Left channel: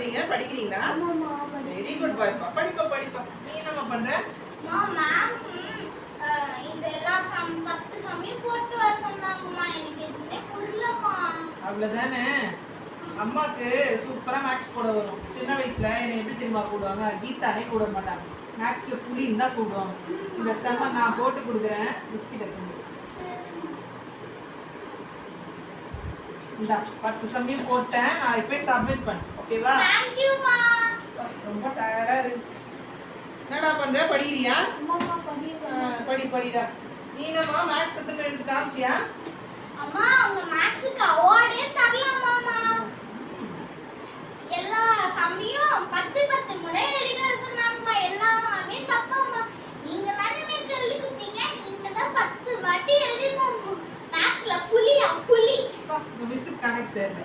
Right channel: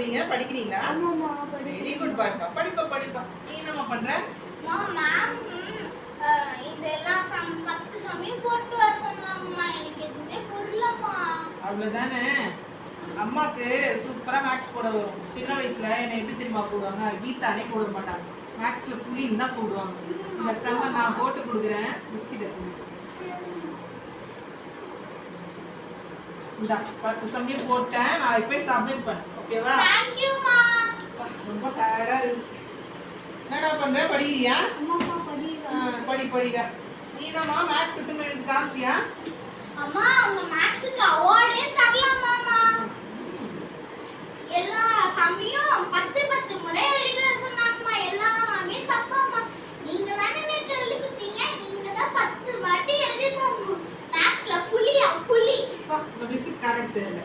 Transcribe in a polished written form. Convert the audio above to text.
பண்றீங்க? படிக்கிறீங்களா? ஆமாமா. வெரி குட் பாய்ப்பா. படிப்பா. நீ என்னம்மா பண்ற? மேம் இந்த எல்லா 10 சமயம் போட்டு வர சொன்னாங்கம்மா. எனக்கு எதுவுமே புரியலம்மா. அவ்வளவுதானே. அம்மாக்கு சூப்பரா மேக்ஸ் போட வரும். சின்ன வயசுல என்னை எப்படி தெரியுமா போடுவாங்க? கீதானே போட மாட்டாங்க. மேக்ஸ்ல புலின்னு தான் போடுவாங்க. இந்த செம்ம நான் போட்டு கொடுக்குறேன். பிஸ்கெட் எடுத்து இந்தா 10 சமயம் போட்டேன். நான் போய் சப்மிட் பண்ணு. ஓகேவா? தேங்க்யூமா. ரொம்ப டயர்டா இருக்கு. என்னடா பண்ற? படிக்கிறியா? அம்மா படிக்கிறேன். படிடா. நீ என்னம்மா மேக்ஸ் எத்தனை எடுத்து காமிச்சியா? அம்மா அவங்க மேக்ஸ்க்கு அவார்டே தரலாமாமா. எல்லா சமயம் 10 முறை எழுத சொன்னாங்கம்மா. எல்லாமே தப்பாம்மா. நீங்க தானே நேத்து எழுதி கொடுத்தீங்க. நீங்க தான் 10 வாட்டி எழுதி தரணும். மேக்ஸ்ல புலி. மிஸ்ஸுக்கு கணக்கு தெரியல.